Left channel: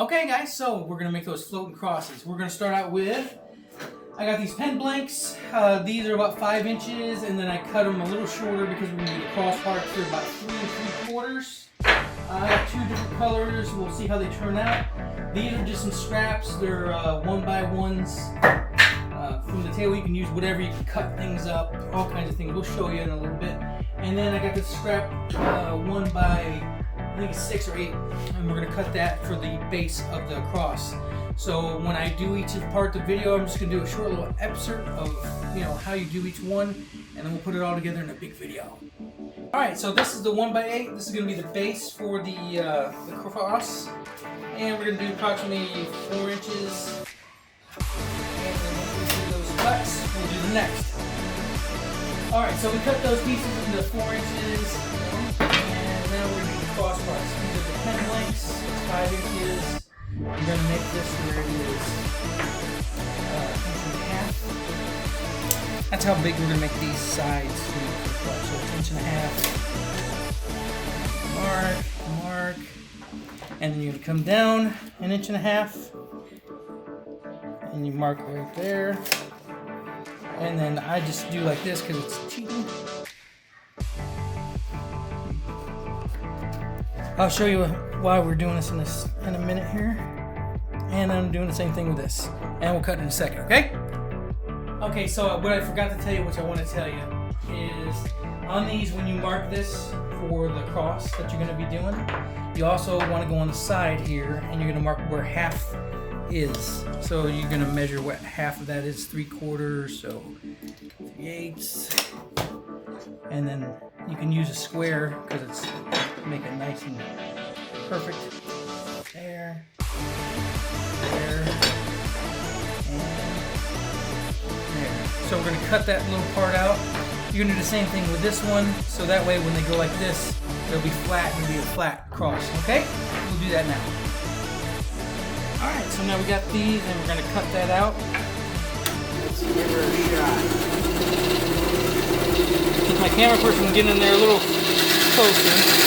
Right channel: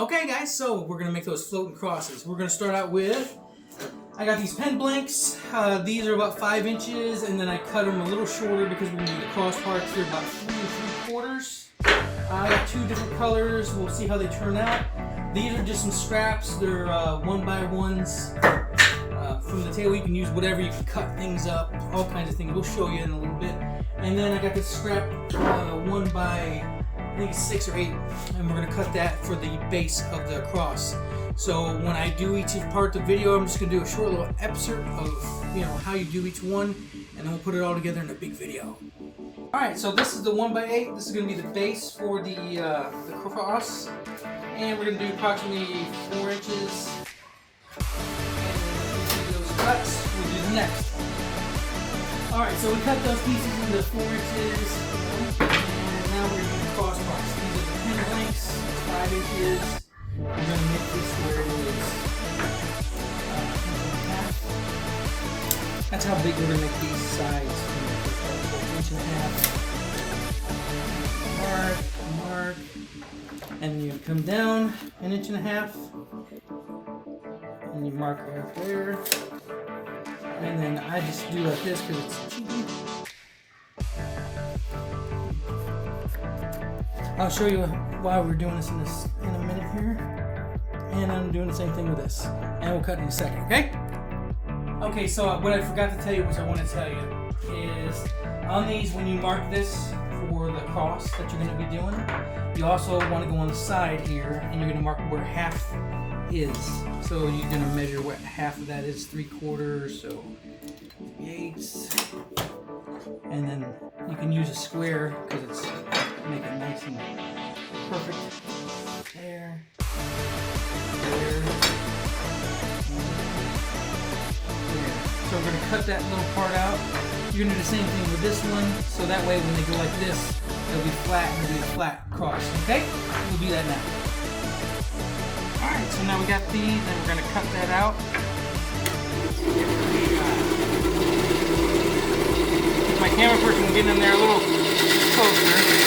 Okay guys, so we're going to make those floating crosses. We're going to start out with, I got these pen blanks. These are about 5 inches, and then I cut them a little shorter because we're going to do the cross parts. They're about 3 3/4. I got 2 different colors. We'll see how they turn out. These are just some scraps. They're 1x1s from the table. You can use whatever. You can cut things up, all kinds of things. We'll show you in a little bit. And then I got this scrap 1 by, I think it's 6 or 8, and we're going to cut that for the base of the cross. So when I do each part of the video, I'm just going to do a short little excerpt of how you do each one, and then we'll put it all together in a big video. Alright, so this is the 1 by 8. This is going to be the base for the cross, and we're going to do approximately 4 inches. And then once we do those cuts, we'll do the next. Alright, so we cut those pieces into 4 inches, and now we're doing cross parts. These are the pen blanks, 5 inches. We're going to make this where it is 1.5 inches. That's how big we're going to make these sides. So 1.5 inches. Mark. And then you're going to come down 1.5 inches. And you mark right there. And then I just do like this because it's cheating. I'll show you why we're doing this in a minute here. And I'm doing the same thing with this. And we'll cut in a second, okay? Okay, so what I forgot to tell you, which I want to tell you, is on these, when you mark this for the cross that you're going to be doing, you also want to go on the side here, and you're going to mark where half is. So you're going to measure what half of that is, 3/4, so 3/8. And then you can use a square because it's make it nice and perfect. There, and there. So we're going to cut that little part out. You're going to do the same thing with this one, so that way when they go like this, it'll be flat and it'll be a flat cross. Okay? We'll do that now. Alright, so now we got these and we're going to cut that out. Let's give her a shot. If my camera person will get in there a little closer.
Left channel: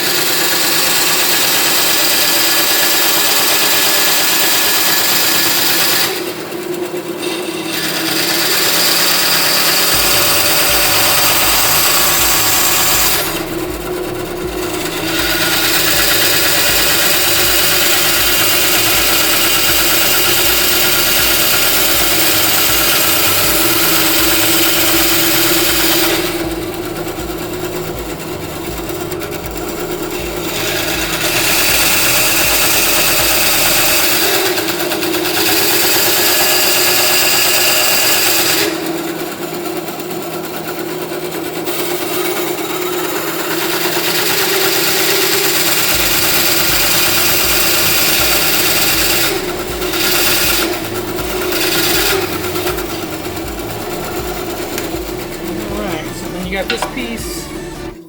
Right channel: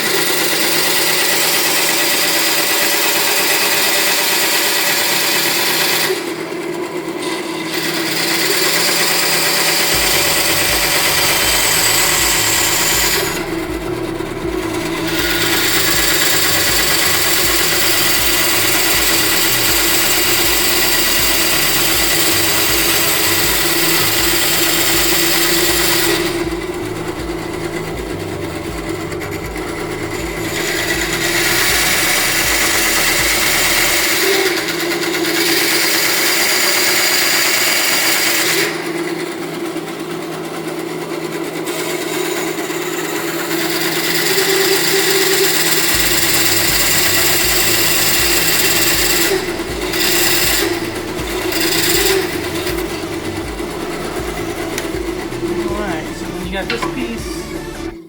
You got this piece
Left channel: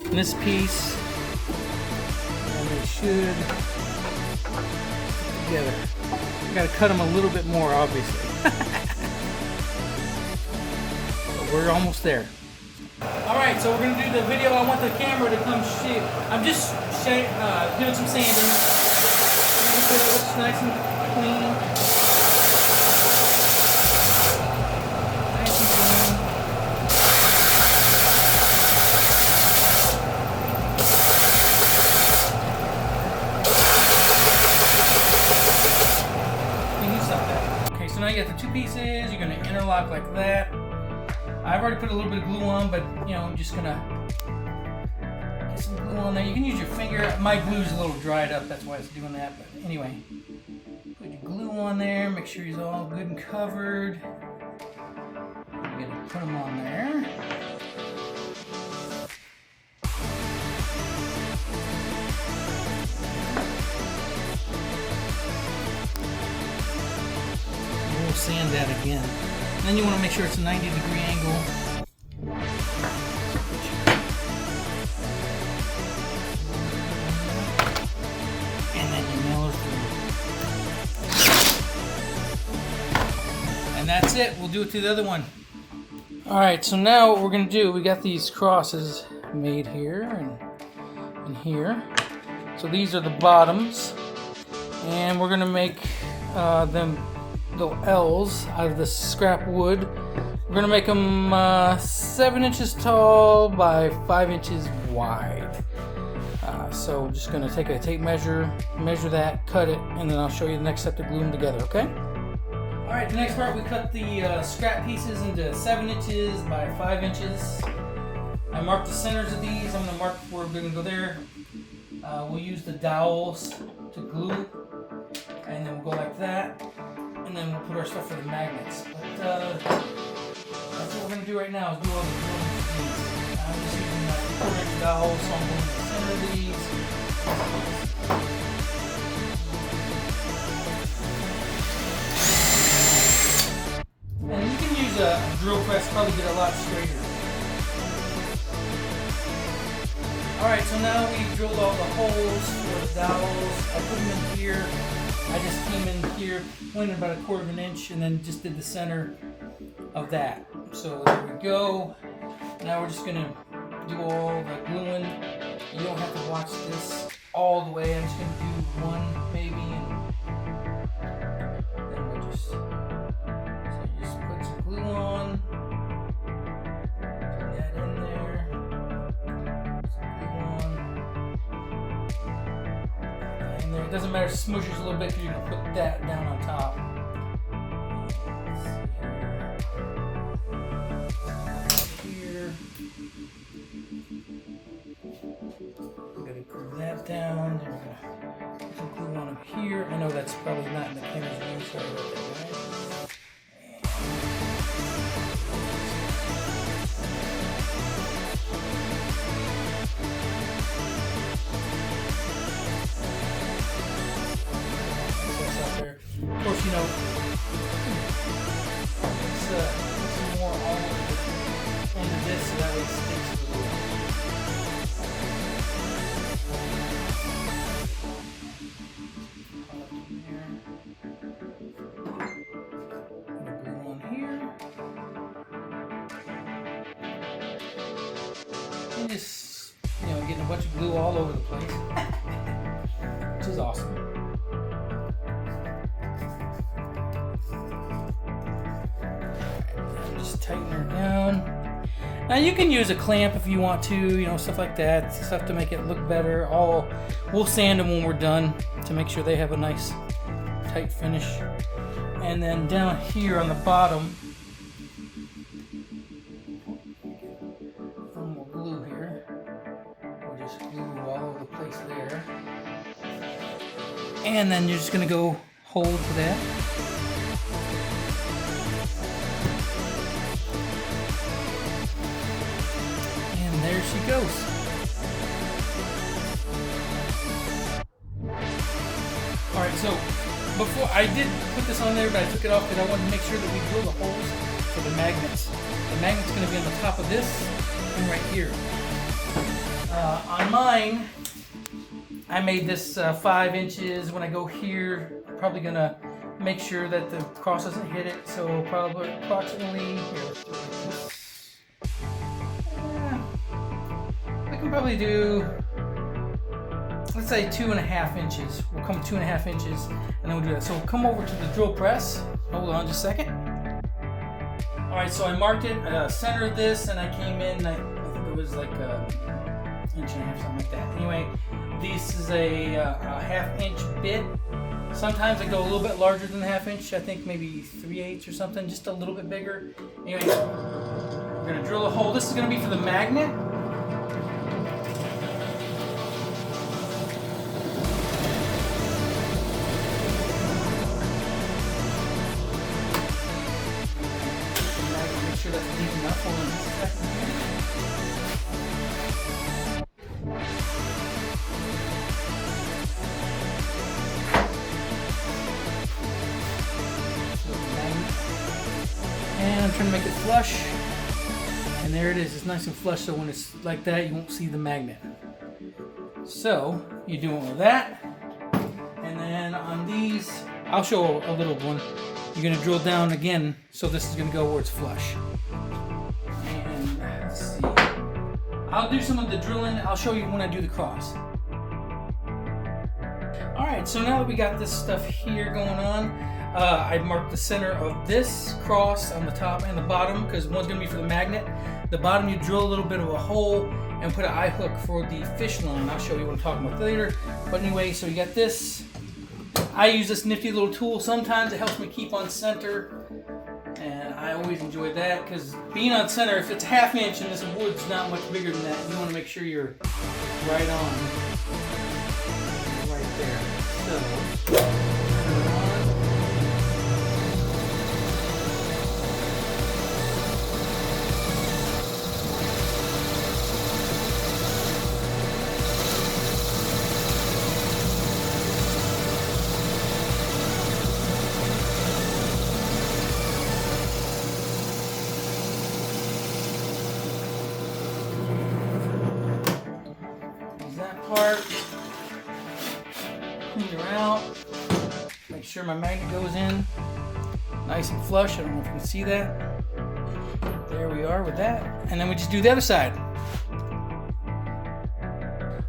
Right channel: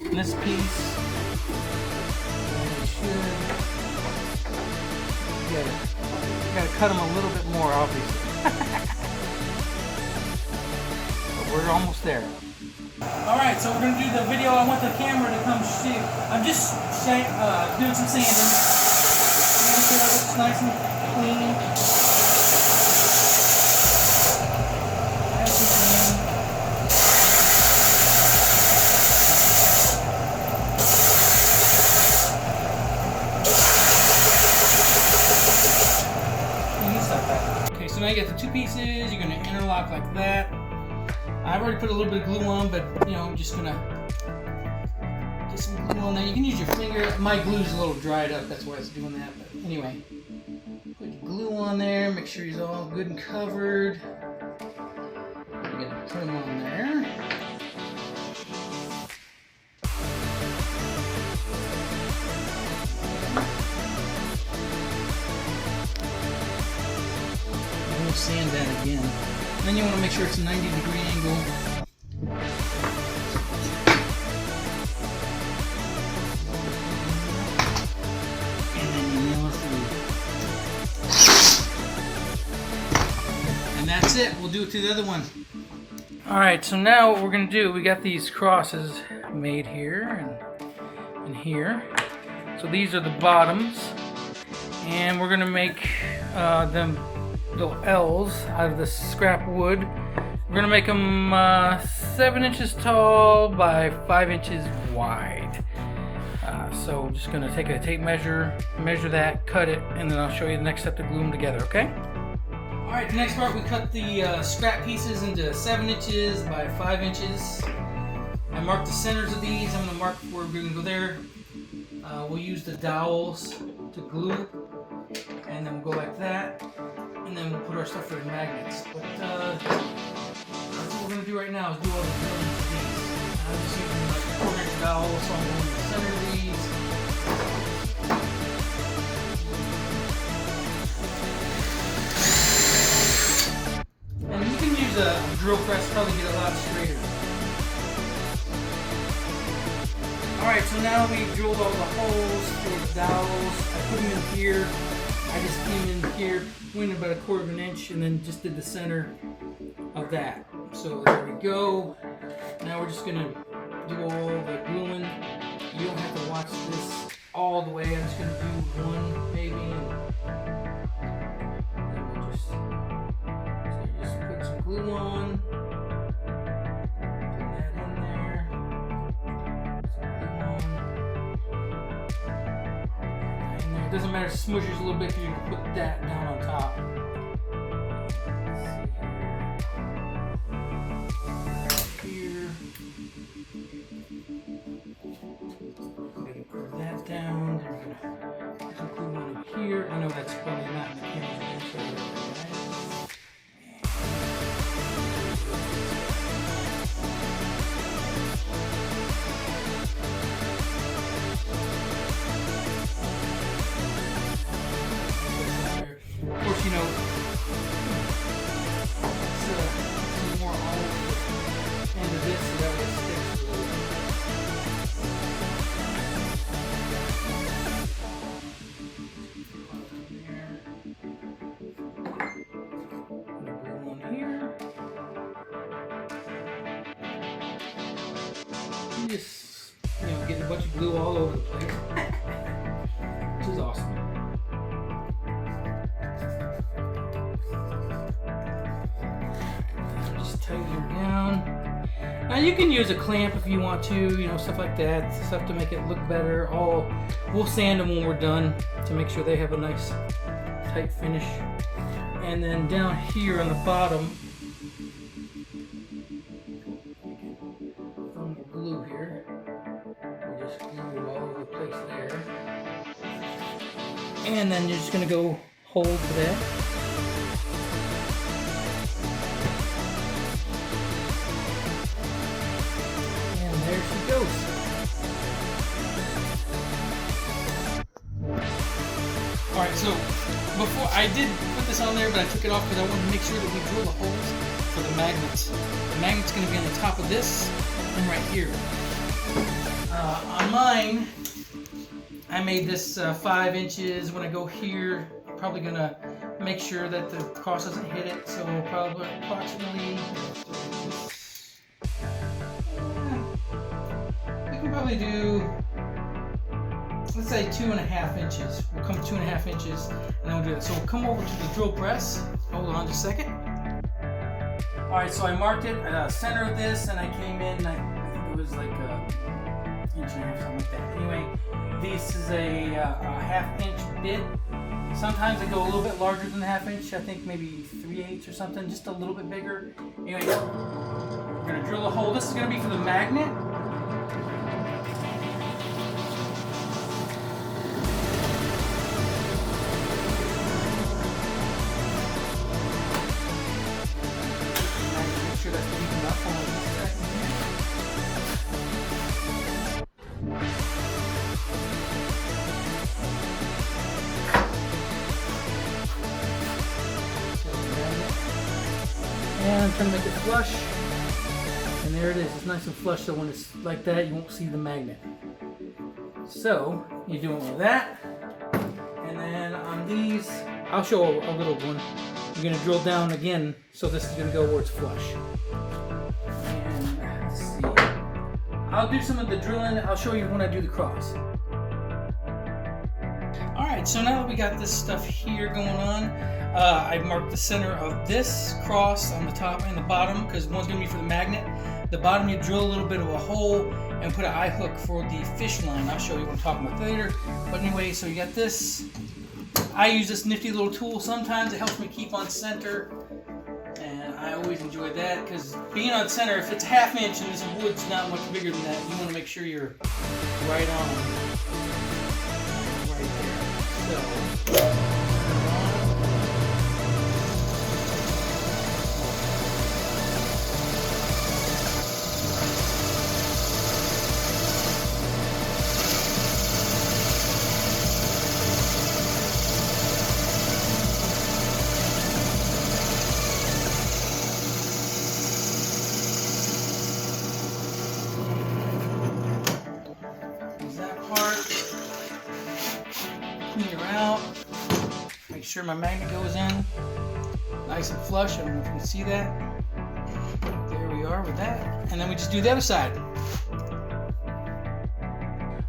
and this piece, and they should together. You gotta cut them a little bit more, obviously. But we're almost there. Alright, so we're gonna do the video. I want the camera to come see. I'm just doing some sanding. Make sure that looks nice and clean. Okay, so now you got the 2 pieces. You're going to interlock like that. I've already put a little bit of glue on, but I'm just going to get some glue on there. You can use your finger. My glue's a little dried up, that's why it's doing that. But anyway, put your glue on there. Make sure he's all good and covered. You're going to put them on there. Sand that again. And then you want to make sure it's a 90-degree angle. And then you mill through. And that's it. We'll do it to the other one. Alright, so now what we're going to do, we got these crosses made here and here. So these are the bottoms. And we're gonna make them little L's out of this scrap wood. We're gonna make them 7 inches tall by 5 inches wide. So just gonna take a tape measure that, cut it, and then I'll show you the next step to glue them together, okay? All right, the next part, we cut the scrap pieces into 7 inches by 5 inches. I marked the centers of these. I'm gonna mark where we're gonna go there. We'll use the dowels to glue, and then we'll go like that, and then we'll put our stuff for the magnets. But that's what we're gonna do right now, is do all the drilling for these. I'm just using my 4-inch dowels, so I'm going to center these. And you can use a drill press, probably get a lot straighter. Alright, so now we drilled all the holes for the dowels. I put them in here. I just came in here, went about 1/4 inch, and then just did the center of that. So there we go. Now we're just gonna do all the gluing. You don't have to watch this all the way. I'm just gonna do one maybe, and then we'll just put some glue on. Put that in there. Some glue on. And there, it doesn't matter if it smushes a little bit, because you can put that down on top. Down, then we're gonna put glue on up here. I know that's probably not in the camera view, so of course, you know, let's put more on the end of this so that it sticks to the just, you know, getting a bunch of glue all over the place, which is awesome. Just tighten her down. Now you can use a clamp if you want to, you know, stuff like that, stuff to make it look better. We'll sand them when we're done to make sure they have a nice tight finish. And then down here on the bottom, glue here. We'll just glue all over the place there. And then you're just going to go hold for that. And there she goes. Alright, so before I did put this on there, but I took it off because I wanted to make sure that we drill the holes for the magnets. The magnet's going to be on the top of this and right here. On mine, I made this 5 inches. When I go here, I'm probably gonna make sure that the cross doesn't hit it. So probably approximately, we can probably do, let's say 2.5 inches. We'll come 2.5 inches, and then we'll do that. So we'll come over to the drill press. Hold on just a second. All right, so I marked it, center of this, and I came in, I think it was like a 1.5 inches, something like that. Anyway, this is a 1/2 inch bit. Sometimes I go a little bit larger than a 1/2 inch. I think maybe 3/8 or something, just a little bit bigger. Anyway, we're gonna drill a hole. This is gonna be for the magnet. Make sure that's deep enough. Hold on just a second here. And I'm trying to make it flush, and there it is. It's nice and flush, so when it's like that, you won't see the magnet. So you do it with that, and then on these, I'll show a little one. You're gonna drill down again, so this is gonna go where it's flush. And let's see. I'll do some of the drilling. I'll show you when I do the cross. All right, Alright, so now that we got this stuff here going on, I marked the center of this cross on the top and the bottom because one's going to be for the magnet. The bottom you drill a little bit of a hole and put an eye hook for the fish line. I'll show you what I'm talking about later. But anyway, so you got this. I use this nifty little tool. Sometimes it helps me keep on center. And I always enjoy that because being on center, if it's ½ inch and this wood's not much bigger than that, you want to make sure you're right on. Right there. So. Clean her out. Make sure my magnet goes in nice and flush. I don't know if you can see that. There we are with that. And then we just do the other side.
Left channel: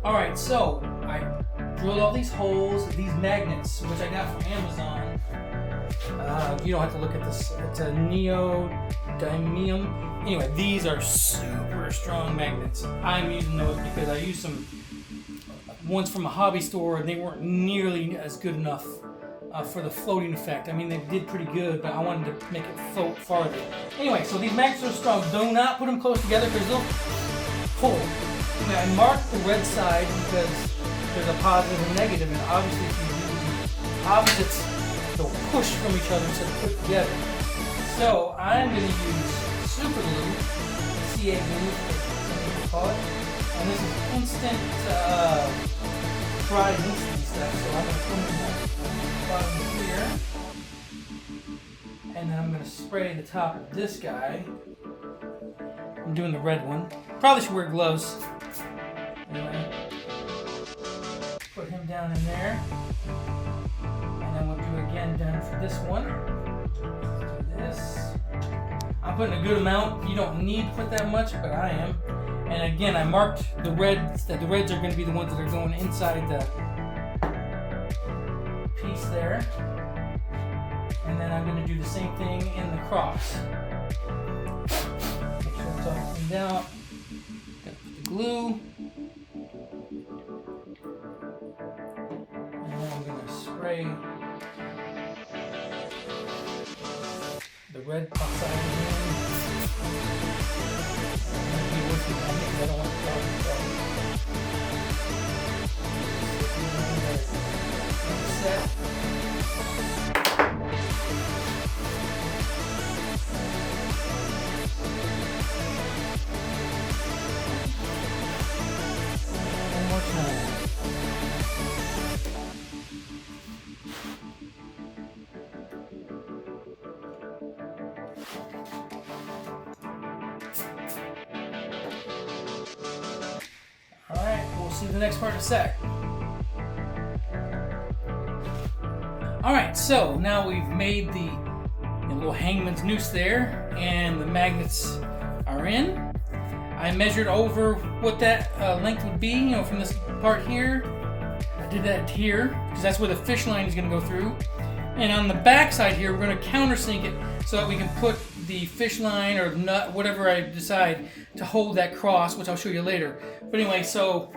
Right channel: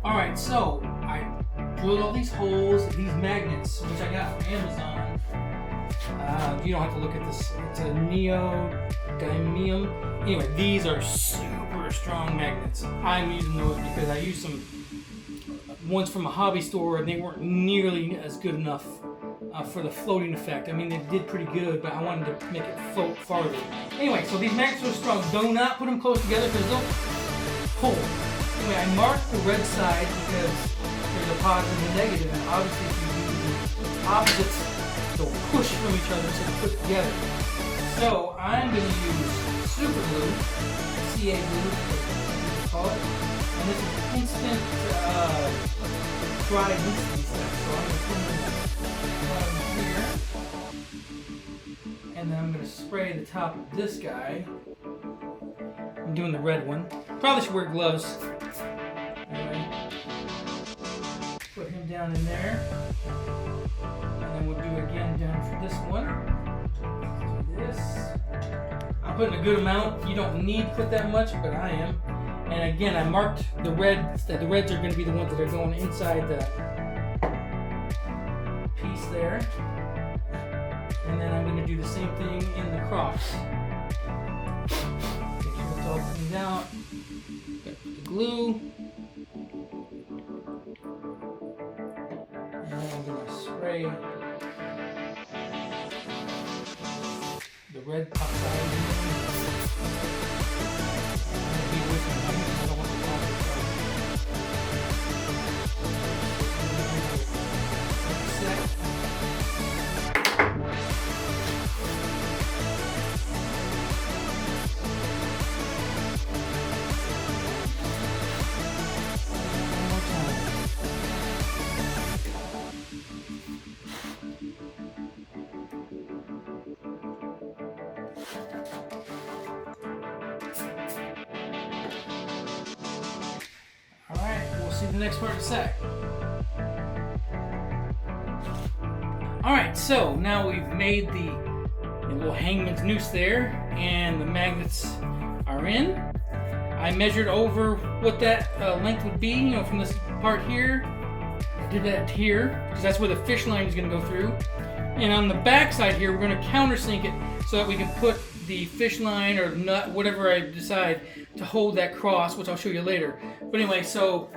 Alright, so I drilled all these holes, these magnets, which I got from Amazon. You don't have to look at this. It's a neodymium. Anyway, these are super strong magnets. I'm using those because I used some ones from a hobby store and they weren't nearly as good enough for the floating effect. I mean, they did pretty good, but I wanted to make it float farther. Anyway, so these magnets are strong. Do not put them close together because they'll pull. Anyway, I marked the red side because there's a positive and negative, and obviously if you do the opposites, they'll push from each other instead of put together. So I'm going to use super glue, CA glue, and this is instant dry instant stuff. So I'm going to put it in the bottom here, and then I'm going to spray the top of this guy. I'm doing the red one. Probably should wear gloves. Anyway, put him down in there, and then we'll do again down for this one. Do this. I'm putting a good amount. You don't need to put that much, but I am. And again, I marked the reds. The reds are going to be the ones that are going inside the piece there. And then I'm going to do the same thing in the cross. Make sure it's all cleaned out. Put the glue. And then I'm going to spray the red outside again. I don't want to set. One more time. Alright, we'll see the next part in a sec. Alright, so now we've made the little hangman's noose there, and the magnets are in. I measured over what that length would be, from this part here. I did that here, because that's where the fish line is going to go through. And on the back side here, we're going to countersink it so that we can put the fish line or nut, whatever I decide, to hold that cross, which I'll show you later. But anyway, so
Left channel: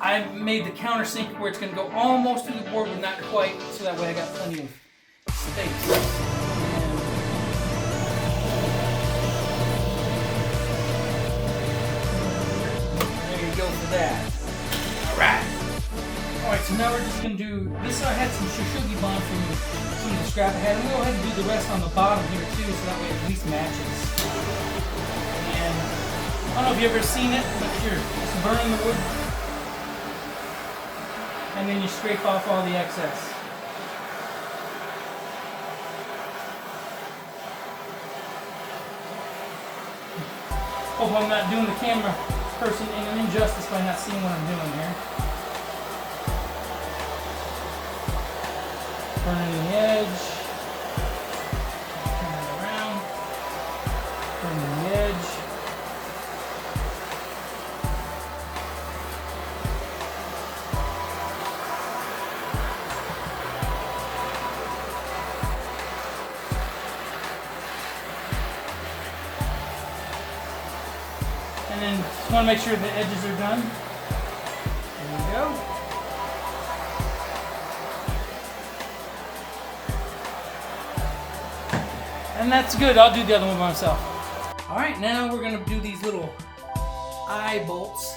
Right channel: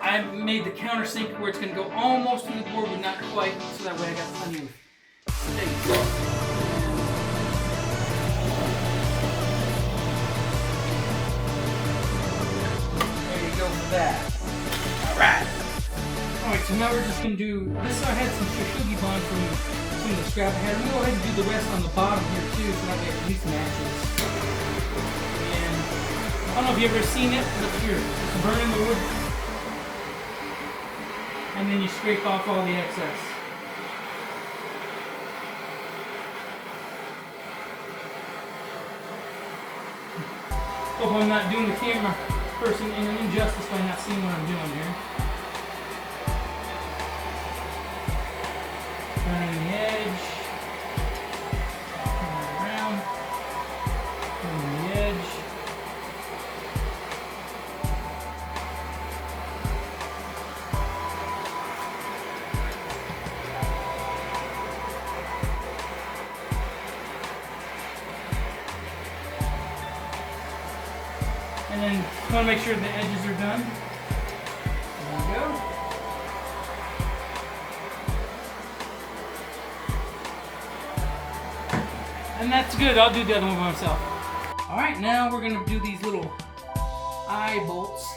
I made the countersink where it's going to go almost to the board, but not quite, so that way I got plenty of space. There we go for that. Alright. Alright, so now we're just going to do, this I had some shushugi bond from the scrap I had. I'm going to go ahead and do the rest on the bottom here too, so that way it at least matches. And I don't know if you've ever seen it, but here, just burn the wood, and then you scrape off all the excess. Hope I'm not doing the camera person any injustice by not seeing what I'm doing here. Burning the edge. Turn it around. Burning the edge. And then just want to make sure the edges are done. There we go. And that's good. I'll do the other one myself. Alright, now we're going to do these little eye bolts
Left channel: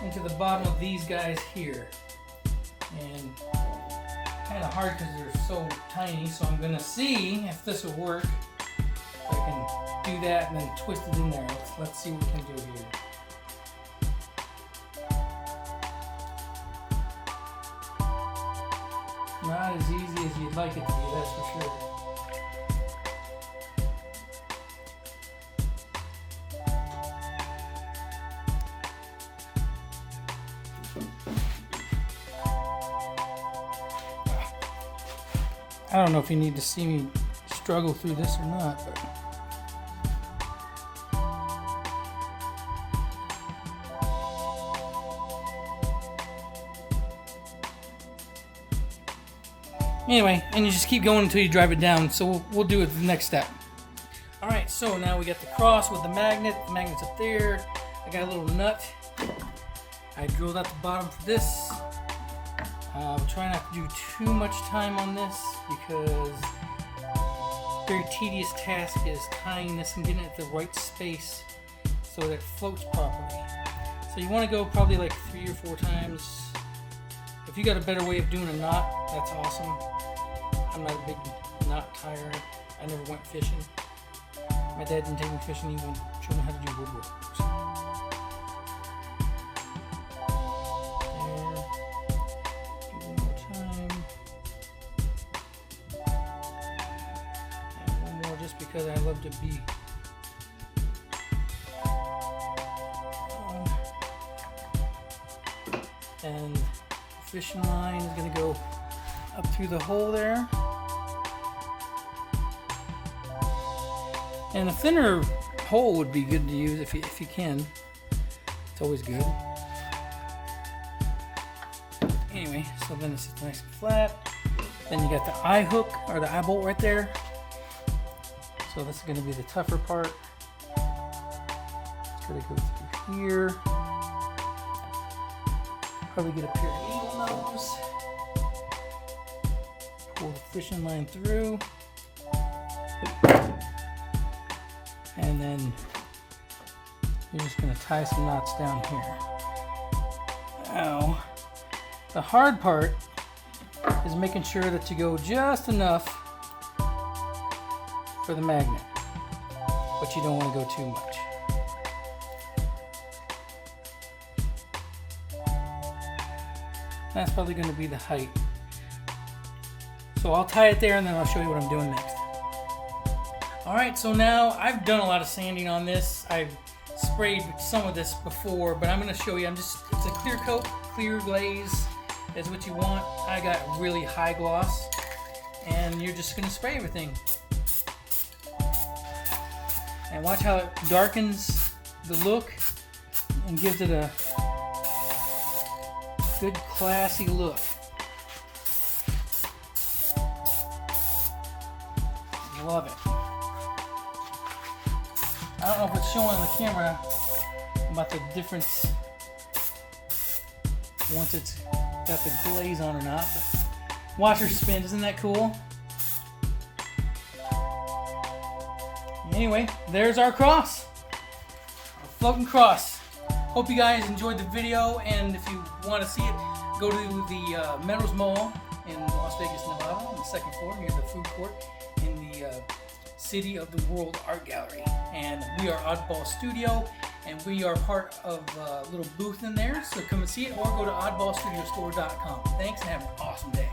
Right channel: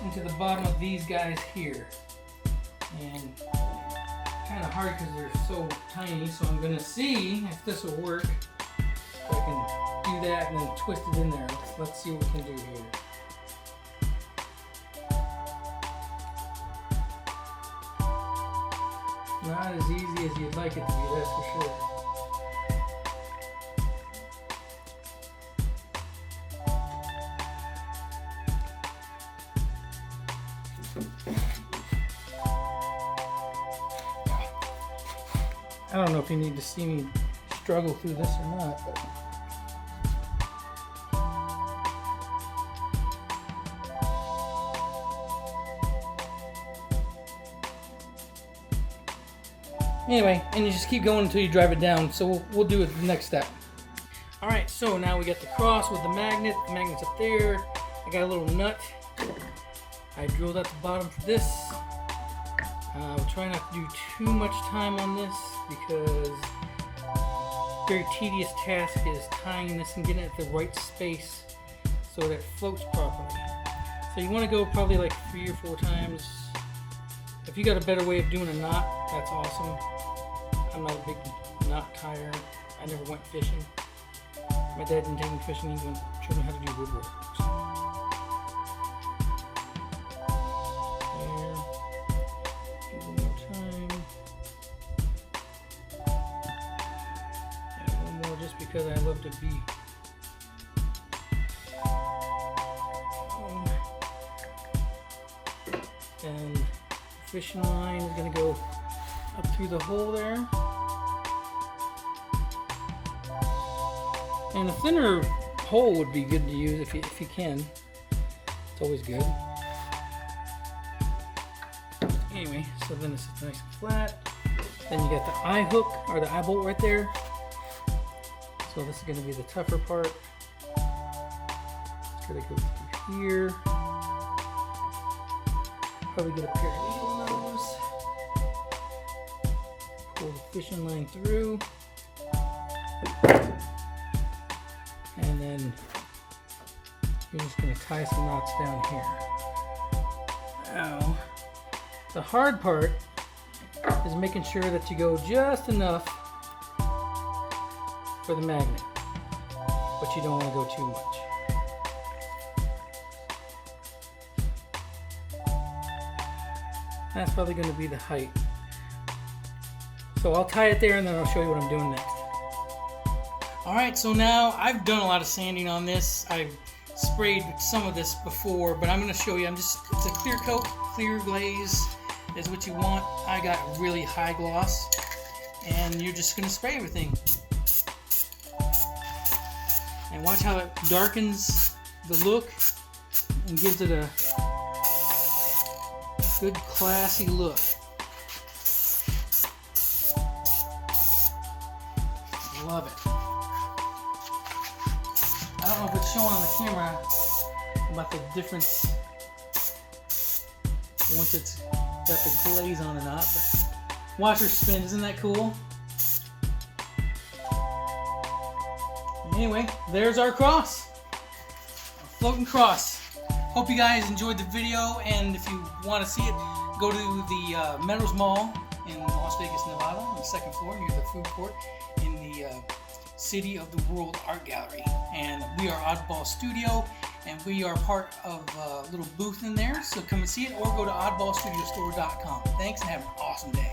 into the bottom of these guys here. And kind of hard because they're so tiny, so I'm going to see if this will work. If I can do that and then twist it in there. Let's see what we can do here. Not as easy as you'd like it to be, that's for sure. I don't know if you need to see me struggle through this or not, but anyway, and you just keep going until you drive it down. So we'll do it the next step. All right, so now we got the cross with the magnet. The magnet's up there. I got a little nut. I drilled out the bottom for this. I'll try not to do too much time on this because very tedious task is tying this and getting it at the right space so that it floats properly. So you want to go probably like 3 or 4 times. If you got a better way of doing a knot, that's awesome. I'm not a big knot tyer. I never went fishing. My dad didn't take me fishing. He went showed me how to do woodwork. Because I love to be and the fishing line is going to go up through the hole there, and a thinner hole would be good to use if you can. It's always good. Anyway, so then it's nice and flat. Then you got the eye hook or the eye bolt right there. So this is going to be the tougher part. It's going to go through here. Probably get a pair of eagle nose. Pull the fishing line through. And then you're just going to tie some knots down here. Now, the hard part is making sure that you go just enough for the magnet, but you don't want to go too much. That's probably going to be the height. So I'll tie it there and then I'll show you what I'm doing next. Alright, so now I've done a lot of sanding on this. I've sprayed some of this before, but I'm going to show you. It's a clear coat, clear glaze is what you want. I got really high gloss, and you're just going to spray everything. And watch how it darkens the look and gives it a good classy look. Love it. I don't know if it's showing on the camera about the difference once it's got the glaze on or not, but watch her spin. Isn't that cool? Anyway, there's our cross, our floating cross. Hope you guys enjoyed the video, and if you want to see it, go to the Meadows Mall in Las Vegas, Nevada, on the 2nd floor near the food court in the City of the World Art Gallery. And we are Oddball Studio, and we are part of a little booth in there, so come and see it, or go to oddballstudiostore.com. Thanks, and have an awesome day.